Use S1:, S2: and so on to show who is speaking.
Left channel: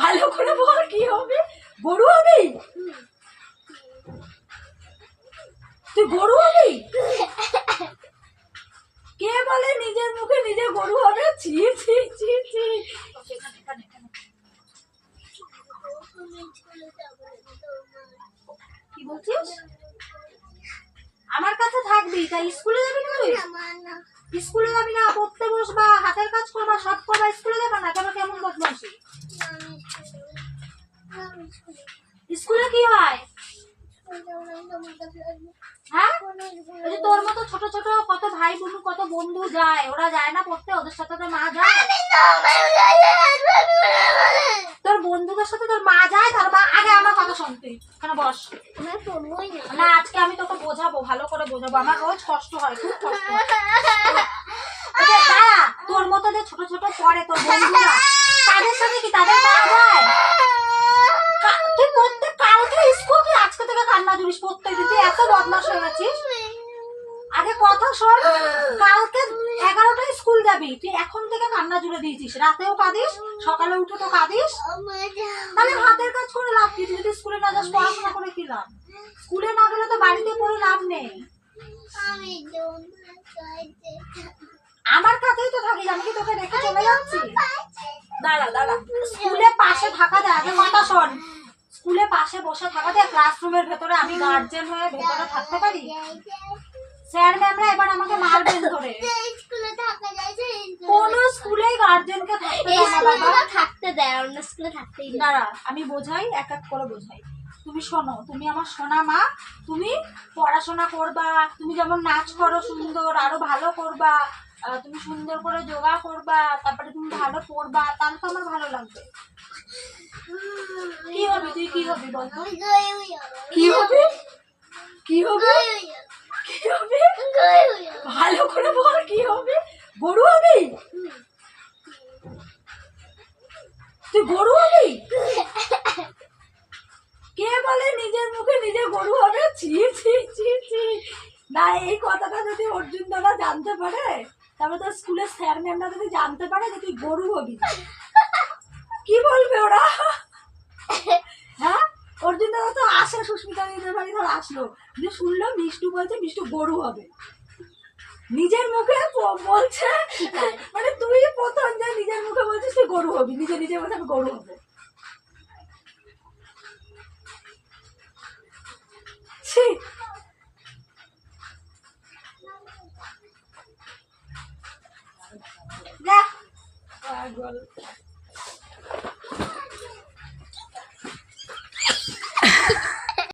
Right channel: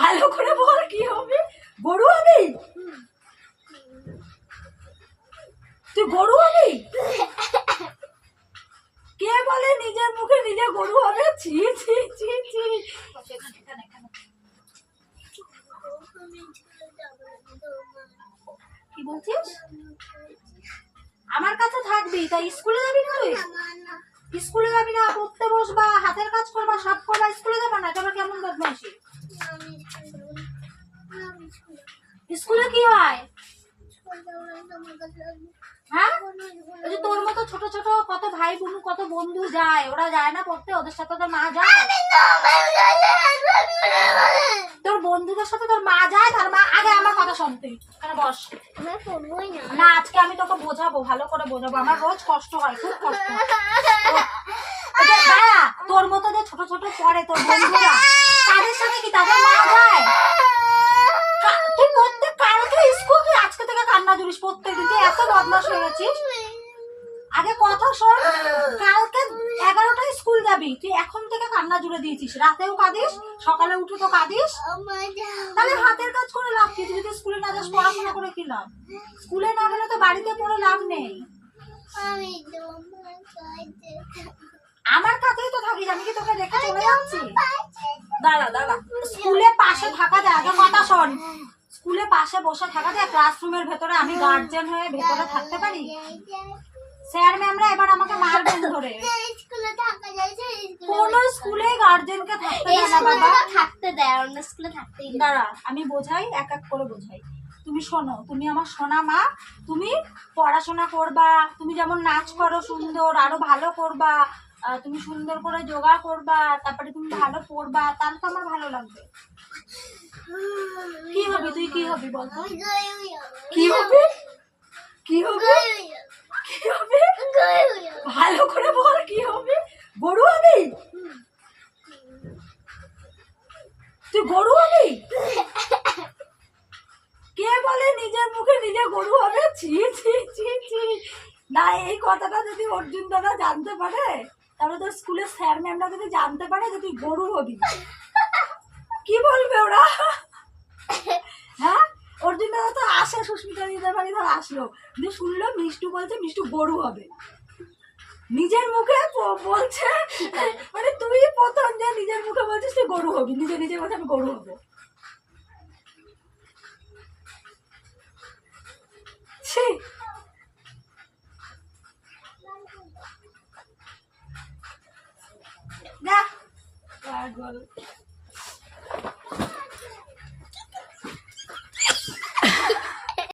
S1: ভালো করে বল, কি হবে? গরু হবি? তুই গরু হবি? কে বলে নিজের মুখে নিজে গরু হবে? ছি ছি ছি ছি। আমার কাছে থাকবি, তাই স্কুলে যাবি না। স্কুলে যাবি না পড়তে বসবা হাতের কাজ করবা সব করবা স্কুলে যাবা না? তোমার কেমন বদমাইশি?
S2: আমি স্কুলে
S1: কি হয়। হ্যাঁ? ওই যে তোর মতো ছোট ছোট কত ভাই বোন কত বন্ধু যায় ওরা যায় না পড়তে ওদের সাথে তোর মা যায়। তোর বন্ধুদের সাথে তোর মা যায় তার মা আগে আমার কথা শুনতে কেন বস।
S2: না।
S1: না আজকে আমি তোকে বোঝাবো ভালো করে বোঝাবো আমার রোজ কষ্ট হয় খুব কষ্ট হয় ওই যে দাঁড়া তোর মতো যে ছোট ছোট পড়ে তোর বন্ধুরা। তাদের সাথে কি তাদের মা যায়? তুই প্রত্যেক কালকে স্কুল তুই আজকে থেকে কান্না জুড়িস প্রত্যেক দিন তুই এত বদমাস হয়ে গেছিস। আগে কথা শোন, কালকে এগারোটায় স্কুল যাবি। তুই এখন থেকে কান্না জুড়ে দিয়েছিস। রাতেও কাঁদিস, সকালে উঠে তো কাঁদিস। তাহলে হাতের কাজ করে লাভ কি? তুই যদি স্কুলে না যাস, পড়াশোনা করে কি লাভ? স্কুলে না গেলে তো বাড়িতে পড়ে লাভ নেই।
S2: আমি
S1: আমার কাছেই তো থাকিস আমি কি তোকে রেখে চলে যাচ্ছি? দাঁড়া দাঁড়া। স্কুলে পাশে থাকা যায় আগে কথা শোন স্কুলে পাশে বসে থাকা যায় ক্লাসরুমের ভেতরে আমি গার্জেন হয়ে ভেতরে থাকতে পারি? স্যার ম্যামরা এবার আমাকে মারবেন ধরে।
S2: স্কুলে থাকা যায় যে
S1: কোন স্কুলে গার্জেনকে থাকতে দেয় না বাবা।
S2: থাকতে দেয় অন্য স্কুলে থাকতেই দেয়।
S1: দাঁড়া আমি বোঝাই এক এক করে বোঝাই। তুমি শোনো তুমি আমার সোনা মা তুমি পড়াশোনা করবা তুমি যেমন নাচ করো সুন্দর আরও ভালো করবা তুমি সুন্দর করে যোগা করবা, তারপরে তুমি ভালো পড়বা, তাহলে তো আমার ভালো লাগবে। কি হবে? তুই কি হবি
S2: যাব।
S1: কি হবে? কি হবে? কি হবে। ভালো করে বল, কি হবে? গরু হবি? তুই গরু হবি? কে বলে নিজের মুখে নিজে গরু হবে? ছি ছি ছি ছি। না, এই কথাটা যদি অর্জুন দাদা জানতে পারে তাহলে তোর স্কুলের স্যার ম্যামরা যদি জানতে পারে যে তুই গরু হবি। কি বলবে ওরা? হ্যাঁ? অর্জুন দাদা তো আসে, সুস্মিতা দিতে পারি ধর আসলো। যে শুনলো মিষ্টু বলছে মিষ্টু গরু হবে। নিজের মুখে বলছে মানে তুই প্রথম যে নিজের মুখে বলছিস তুই গরু হবি। নিজে নিজে বলছে আমি গরু হব। agora.